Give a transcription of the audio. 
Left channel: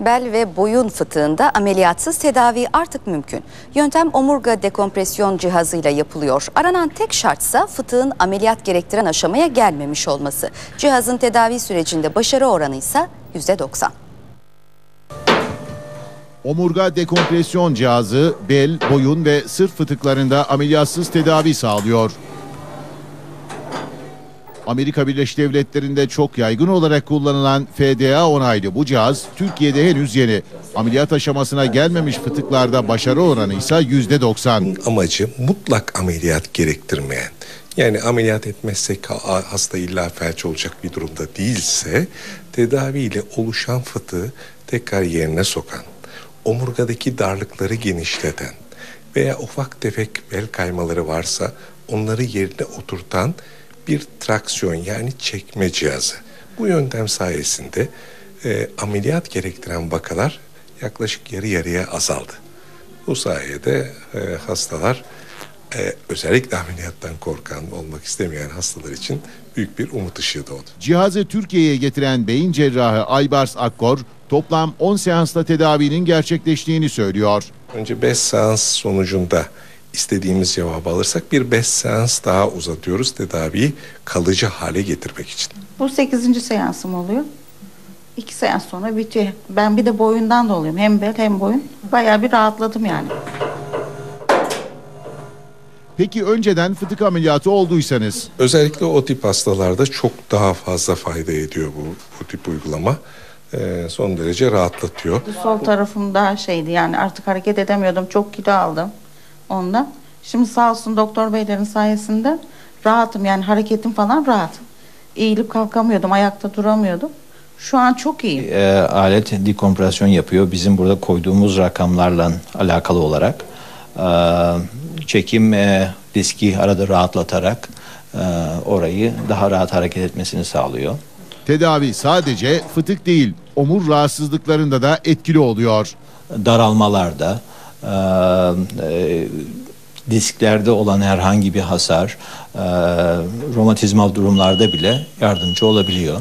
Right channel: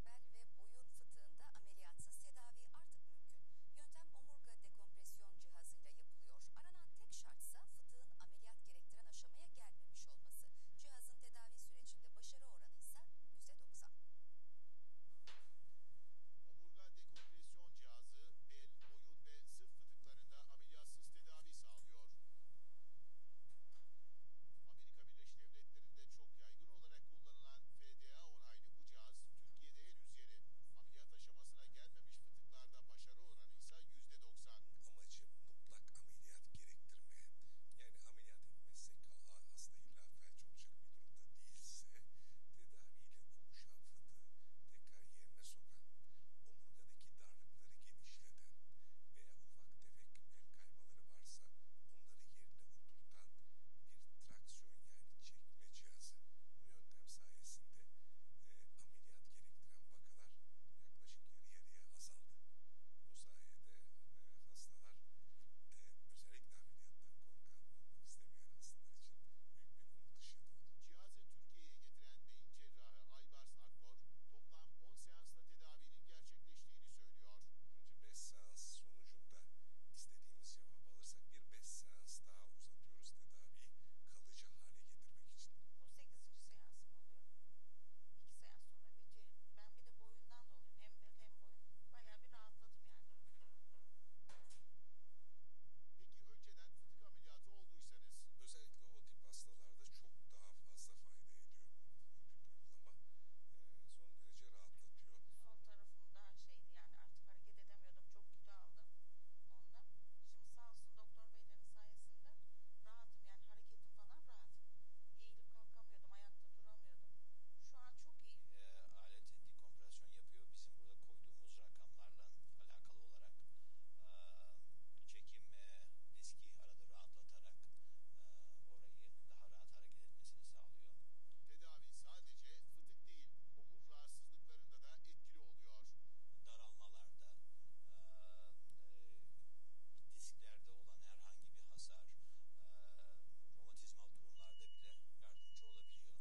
Bel ve boyun fıtığında ameliyatsız tedavi artık mümkün. Yöntem omurga dekompresyon cihazıyla yapılıyor. Aranan tek şartsa fıtığın ameliyat gerektiren aşamaya gelmemiş olması. Cihazın tedavi sürecinde başarı oranı ise %90. Omurga dekompresyon cihazı bel, boyun ve sırt fıtıklarında ameliyatsız tedavi sağlıyor. Amerika Birleşik Devletleri'nde çok yaygın olarak kullanılan FDA onaylı bu cihaz Türkiye'de henüz yeni. Ameliyat aşamasına gelmemiş fıtıklarda başarı oranı ise %90. amacı mutlak ameliyat gerektirmeyen yani ameliyat etmezsek ha- hasta illa felç olacak bir durumda değilse tedaviyle oluşan fıtığı tekrar yerine sokan, omurgadaki darlıkları genişleten veya ufak tefek bel kaymaları varsa onları yerine oturtan bir traksiyon yani çekme cihazı. Bu yöntem sayesinde e, ameliyat gerektiren vakalar yaklaşık yarı yarıya azaldı. Bu sayede e, hastalar e, özellikle ameliyattan korkan, olmak istemeyen hastalar için büyük bir umut ışığı doğdu. Cihazı Türkiye'ye getiren beyin cerrahı Aybars Akkor toplam 10 seansla tedavinin gerçekleştiğini söylüyor. Önce 5 seans sonucunda istediğimiz cevabı alırsak bir 5 seans daha uzatıyoruz tedaviyi kalıcı hale getirmek için. Bu 8. seansım oluyor. İki seans sonra bitiyor. Ben bir de boyundan doluyum. Hem bel hem boyun. Bayağı bir rahatladım yani. Peki önceden fıtık ameliyatı olduysanız Özellikle o tip hastalarda çok daha fazla fayda ediyor bu, bu tip uygulama. E, son derece rahatlatıyor. Sol tarafım daha şeydi yani artık hareket edemiyordum. Çok kilo aldım ondan. Şimdi sağ olsun doktor beylerin sayesinde rahatım yani hareketim falan rahat. Eğilip kalkamıyordum, ayakta duramıyordum. Şu an çok iyiyim. e, alet dekompresyon yapıyor. Bizim burada koyduğumuz rakamlarla alakalı olarak e, çekim e, diski arada rahatlatarak e, orayı daha rahat hareket etmesini sağlıyor. tedavi sadece fıtık değil omur rahatsızlıklarında da etkili oluyor. Daralmalarda, ee, e, disklerde olan herhangi bir hasar, e, romatizmal durumlarda bile yardımcı olabiliyor.